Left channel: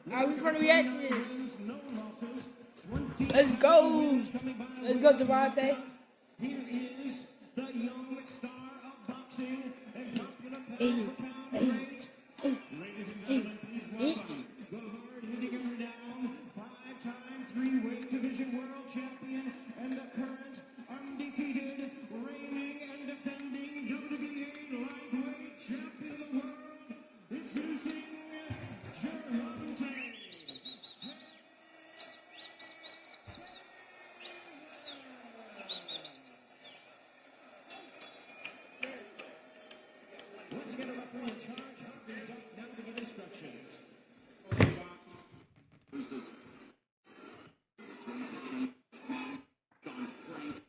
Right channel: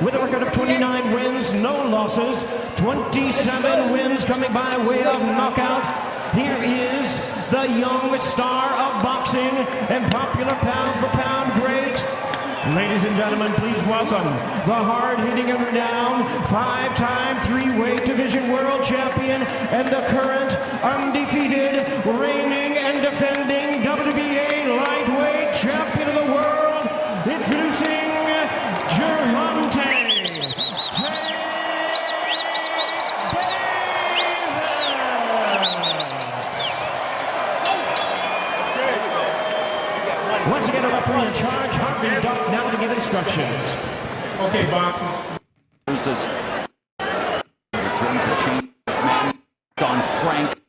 with a record of 29 wins, no losses, 27 wins coming by way of knockout. Here is the young star of boxing and popular pound-for-pound great. Ladies and gentlemen, please welcome the hard-hitting and renowned five-time three-weight division world champion and the current undefeated, reigning and defending WBA lightweight champion of the world, introducing Gervonta. Once again, a referee in charge, Harvey Duck, now to give instructions. Okay, boxers. Returns a change. On Frank.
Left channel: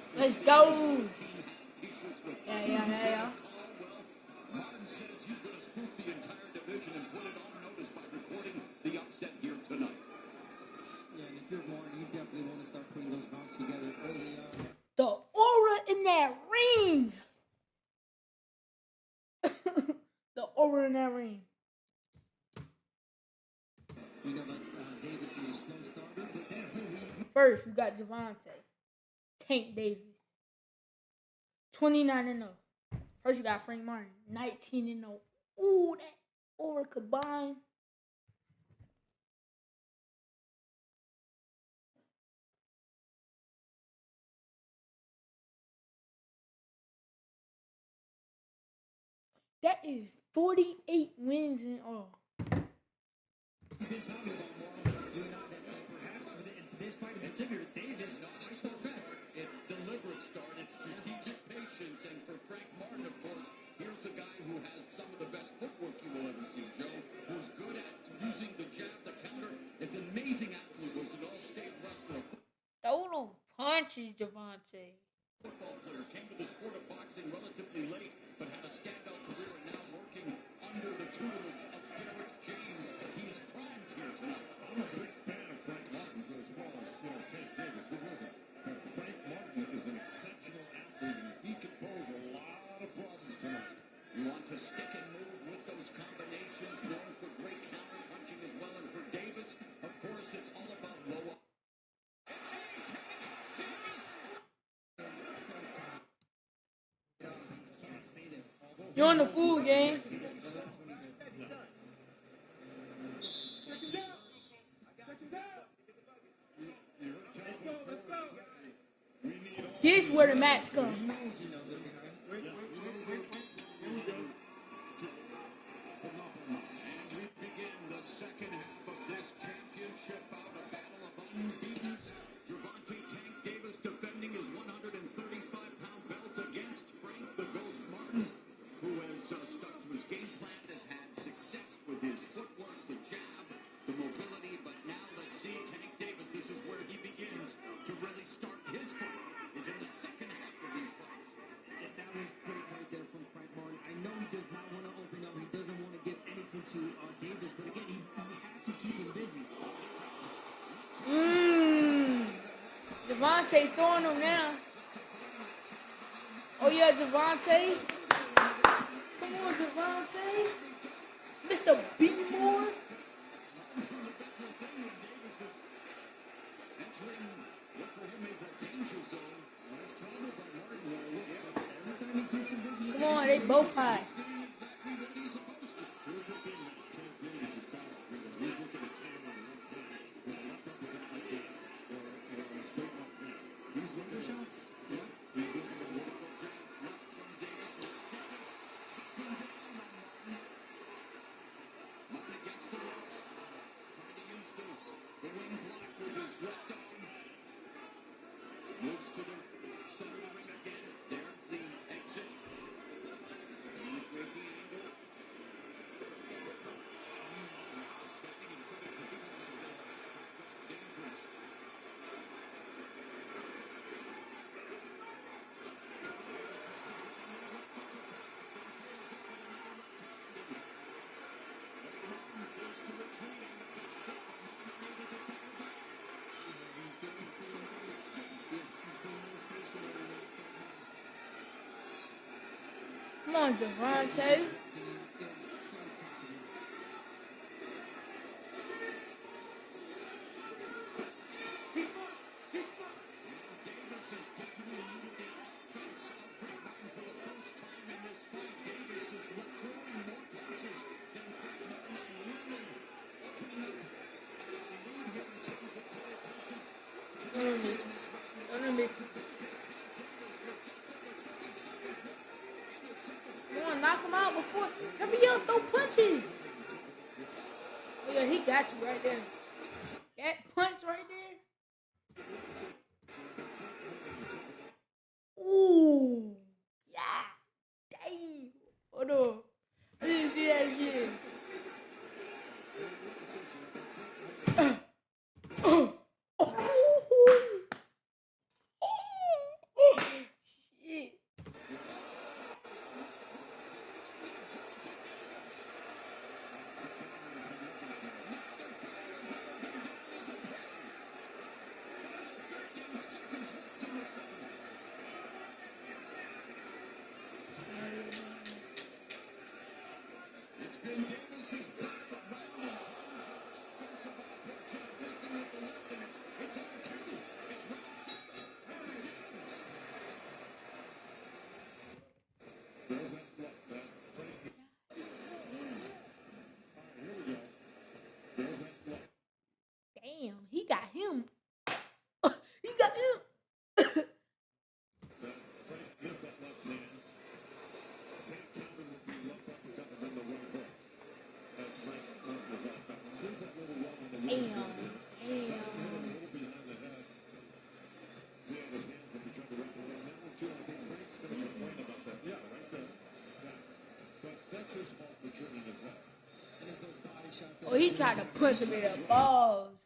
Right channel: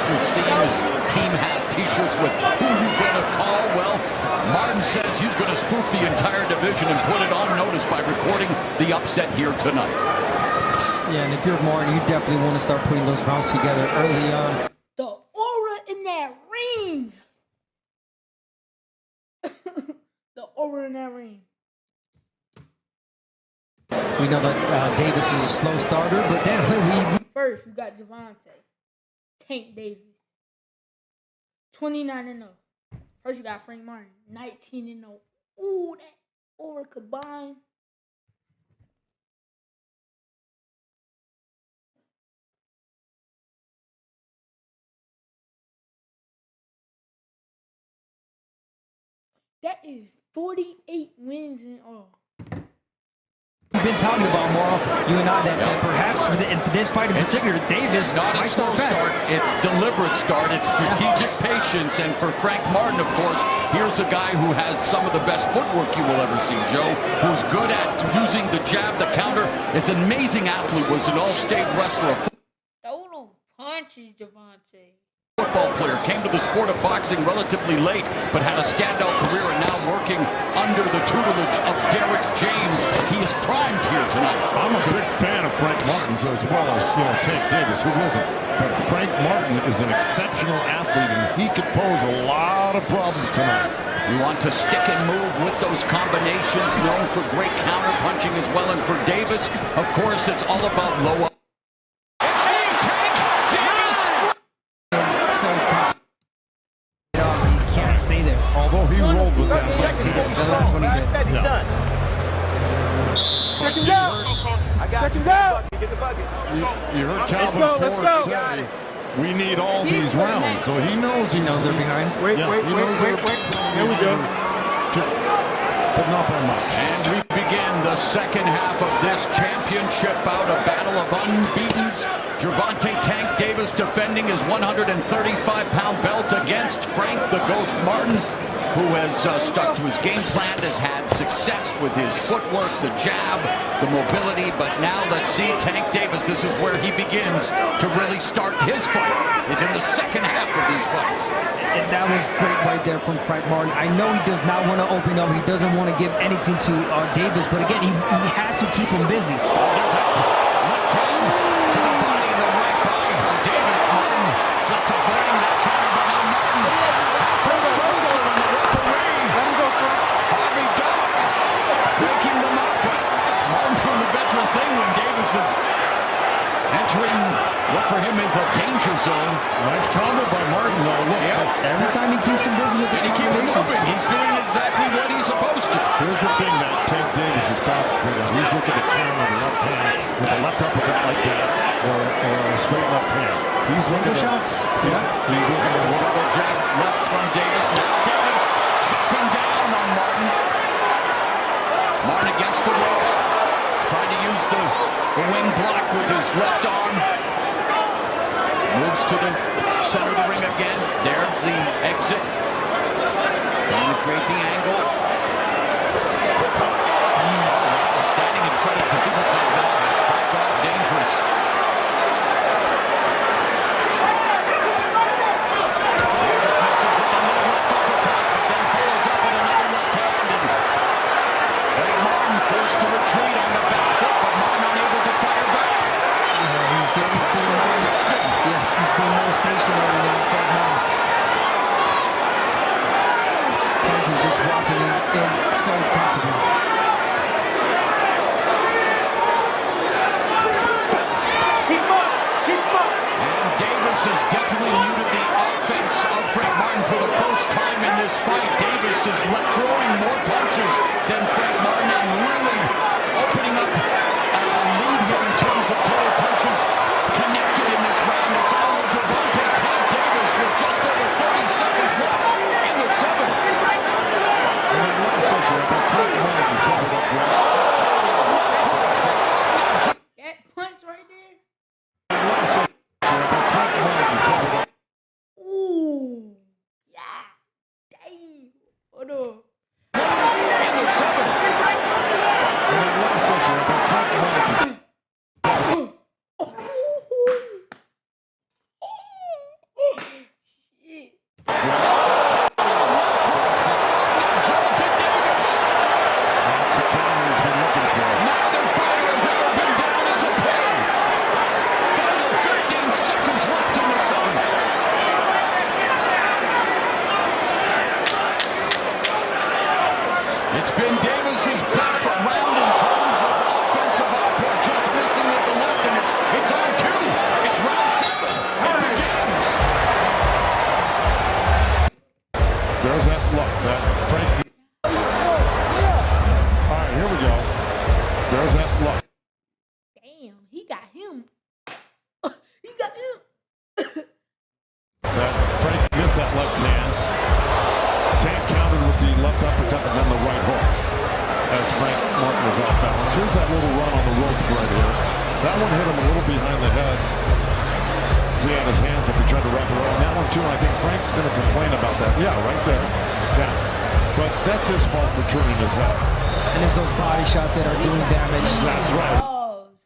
Team has t-shirts with who you gonna call? Well, Martin says he's gonna spook the entire division and put it on notice by recording the upset here tonight. Yeah, and if you're Martin, you definitely want to start putting those rounds together early on. The aura in that ring. The aura in that ring. We know that Davis is a slow starter, but then First, you got Gervonta. Tank Davis. 29-0. First, you got Frank Martin. 19-0. Ooh, that aura combined. That is 48 wins in all. We've been talking about, Morrow, you and I, that perhaps for this fight in particular, Davis not a might slow start fast. start. It's deliberate start. It's strategic patience. And for Frank Martin, of course, here's a guy who has some of the best footwork you will ever see, Joe, who's good at using the jab, the counter. It's an amazing athlete, was an all-state wrestler. Total punches, Gervonta. Football player, came to the sport of boxing relatively late, but had a standout career and now working under the tutelage of Derrick James. He is primed here tonight. I'm a big fan of Frank Martin's as well as, Tank Davis, who isn't. But Frank Martin is an exceptional athlete, and he could pose a lot of problems tonight. You want to stick and move with those combinations, known for great counter punching as well. And for Davis, of course, it's all about low up. Stay there. Although he rolled the That's what he did. yeah. Seconds out. Seconds out. You heard Calvin Ford say, we need all these where rounds. Matt- So he knows they're behind. Wait. Here we go. But not by much. And we begin the second half of this championship bout, a battle of unbeatens. Gervonta Tank Davis defending his 135-pound belt against Frank the Ghost Martin, who has stuck to his game plan, has had success with his footwork, the jab, the mobility. But now let's see Tank Davis. This is where he begins to really start his fight. He's in the second half of these fights. And that was great right there from Frank Martin. I know he does not want to open up. He doesn't want to give anything to Davis. But again, he has to keep him busy. What for him is a danger zone. Nice combo by Martin, though. Look, Every time he keeps him busy with the He keeps combinations. moving. He's doing exactly what he's supposed to. here's the thing that Tank Davis is concentrating on. He's looking to counter the left hand with a left uppercut like that, or a straight left hand. He's looking at shots. Yeah, he's looking at Double jab left from Davis. Now Davis chopping down on Martin. Martin against the ropes, trying to use the wing block with his left arm. Moves to the center of the ring again. There's the exit. Trying to create the angle. Standing in front of Davis like that. Dangerous. Misses with another left uppercut, but then follows up with another left hand. And Martin forced to retreat on the back foot, but Martin unable to fire back. He's been more stationary than Frank Martin. Tank is just and so comfortable. And Davis has definitely muted the offense of Frank Martin for the first time in this fight. Davis is throwing more punches than Frank Martin and really opening up a lead here in terms of total punches connected in this round. It's all with Gervonta Tank Davis with just over 30 seconds left in the seventh. And then last section, Frank Martin took it up well. That punch right there. Last section, Frank Martin took it up. Ooh. Yeah. Damn. Hold on. In the seventh. And then last section, Frank Martin. Shit. Gervonta Davis. That's the counter he's been looking for. Neither fighter has ever been down as a pair. Final 15 seconds left in the seventh. It's been Davis's best round in terms of offensive output, just missing with the left, and it's on cue. It's round 7. It begins. There's that look, that Frank. All right, here we go. There's that look. Damn. He got him. He got him. That Frank missed that left hand. Tank countered with the left uppercut and then the right hook as Frank Martin was off balance. Here's that little run on the ropes right here. That one hit him a little behind the head. He had his hands up, he tried to wrap it around that one too, and I think Frank's going to complain about that. Yeah, right there. Yeah. But that's his fault for turning his head. And it's those body shots that are He doing tried to damage. put him in That's the right. balls.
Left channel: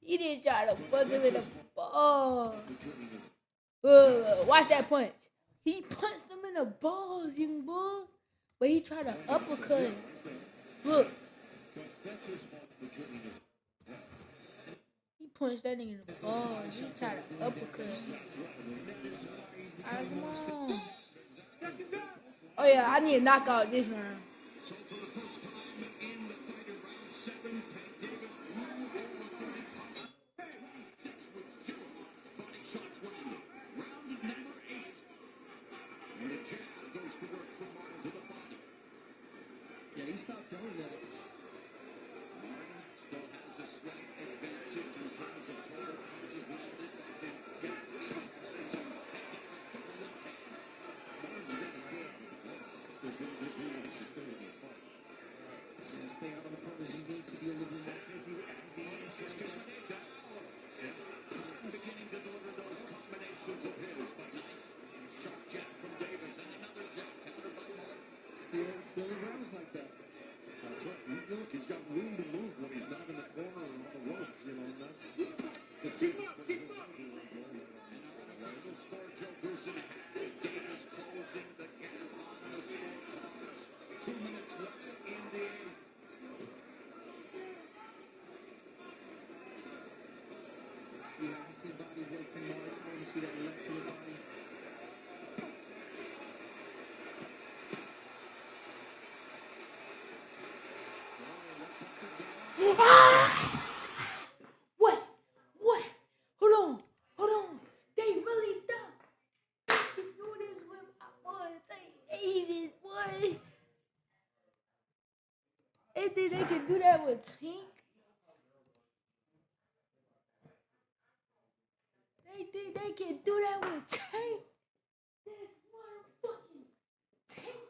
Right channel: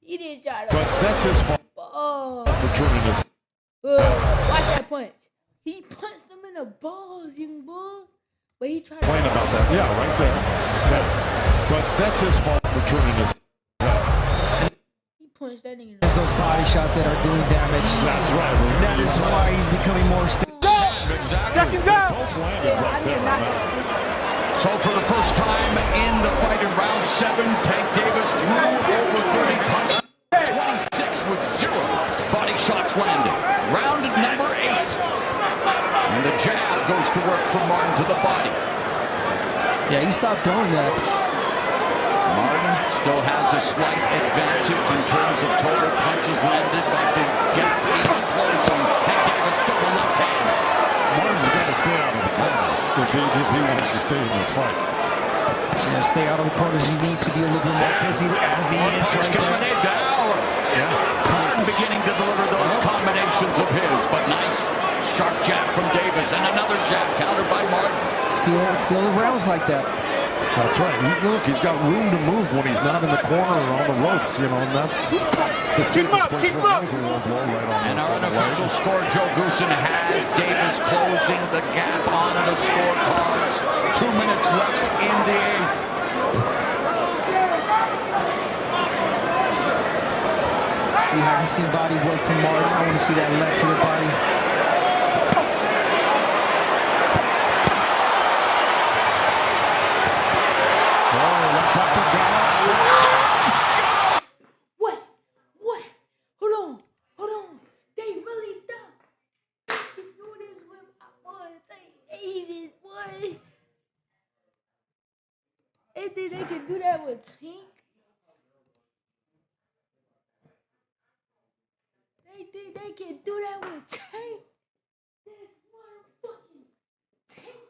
He didn't try to But put that's him his in the fault balls. for turning his head. Watch that punch. He punched him in the balls, young boy. But he tried to Complain about that. Yeah, right there. Yeah. But that's his fault for turning his head. He punched that nigga in the It's those body shots that are doing damage. That's right. That is why he's becoming more stable. Exactly. Both landed Oh, yeah, I right need a there. knockout this one. So for the first time in the fight in round 7, Tank Davis threw over 30 punches, 26 with 0 body shots landed. Round number 8. And the jab goes to work from Martin to the body. Yeah, he stopped throwing that. Martin still has a slight advantage in terms of total punches landed, but the gap is closing. And Davis double left hand. Martin's got to stay out of the corners if he wants to stay in this fight. Yeah, stay out of the corners. He needs to be a little bit more busy as he is Punch right coming there. in now. Yeah. Martin beginning to deliver those combinations of his, but nice sharp jab from Davis and another jab countered by Martin. Still rounds like that. That's right. Look, he's got room to move when he's not in the corner or on the ropes, you know, and that's the safest place for him. Is a low blow right on And the our unofficial score, Joe Goosen, has Davis closing the gap on the scorecards. 2 minutes left in the 8th. We haven't seen body work from Martin. I want to see that left to the body. What? Hold on. They really thought they could do this with my boy Tank Davis, boy. They think they can do that with Tank. They think they can do that with Tank. This motherfucking Tank.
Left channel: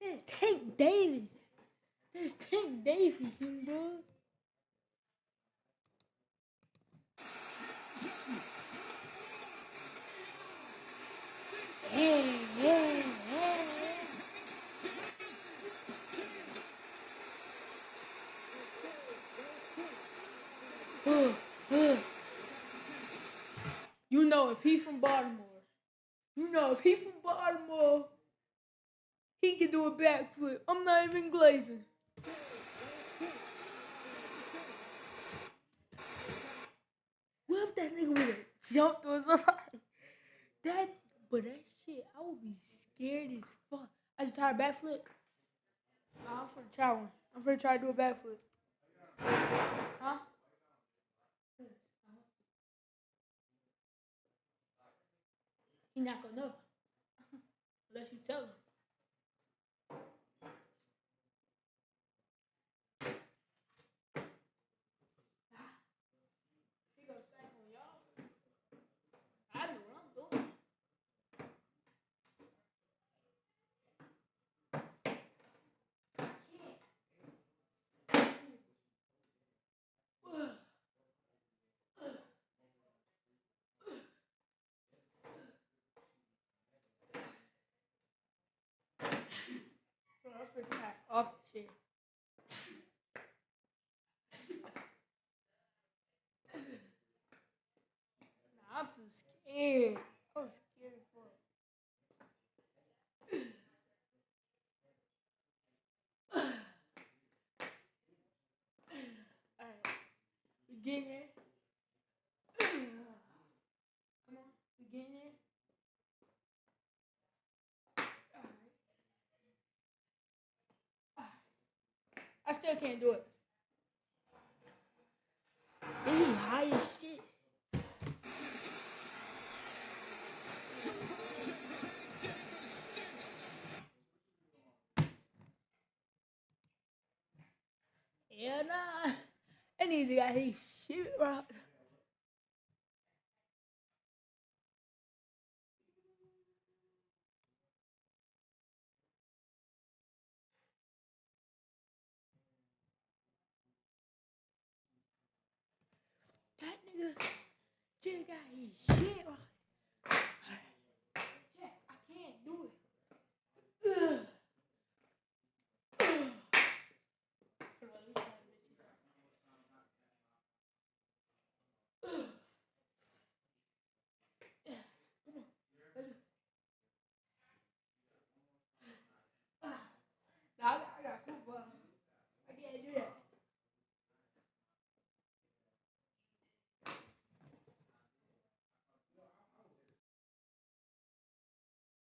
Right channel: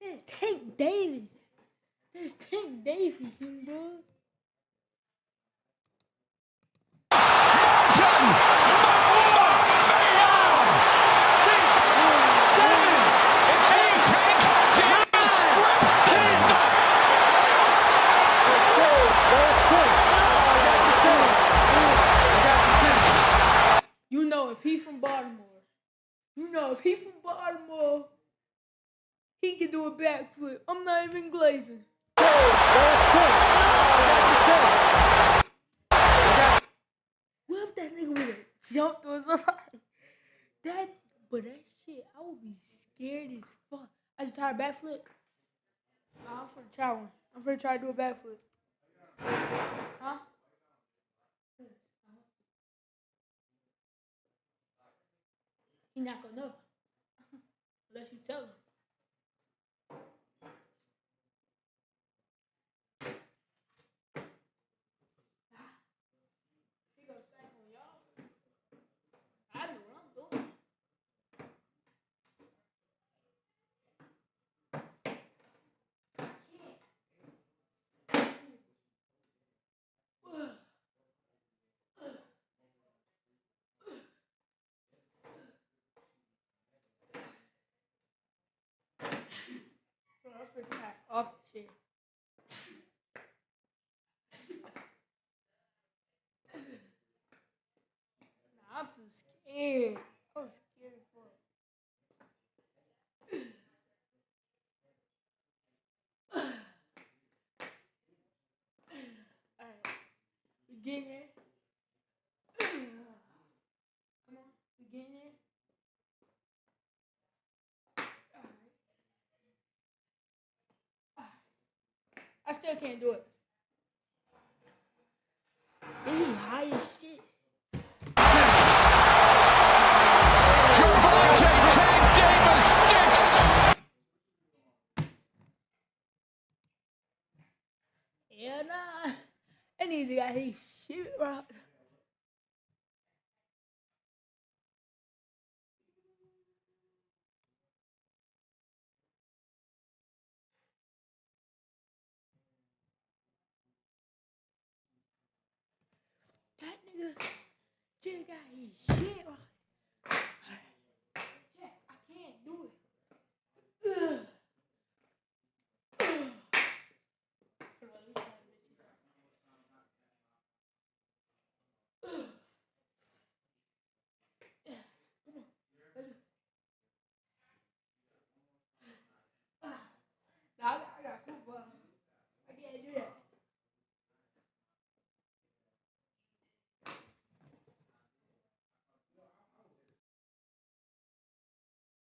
There's Tank Davis. There's Tank Davis, young boy. You know if he from Baltimore, he can do a backflip. I'm not even glazing. What if that nigga would have jumped on somebody? That But that shit, I would be scared as fuck. I just tried a backflip. Nah, I'm finna try one. I'm finna try to do a backflip. Huh? He not gonna know. Unless you tell him. He gonna say on y'all. I know what I'm doing. I'm finna try off the chair. Nah, I'm too scared. I'm scared for it. Alright. We getting there. Come on. We getting there. Alright. I still can't do it. He high as shit. Gervonta Tank Davis sticks. Yeah, nah. That nigga got his shit right. That nigga just got his shit right.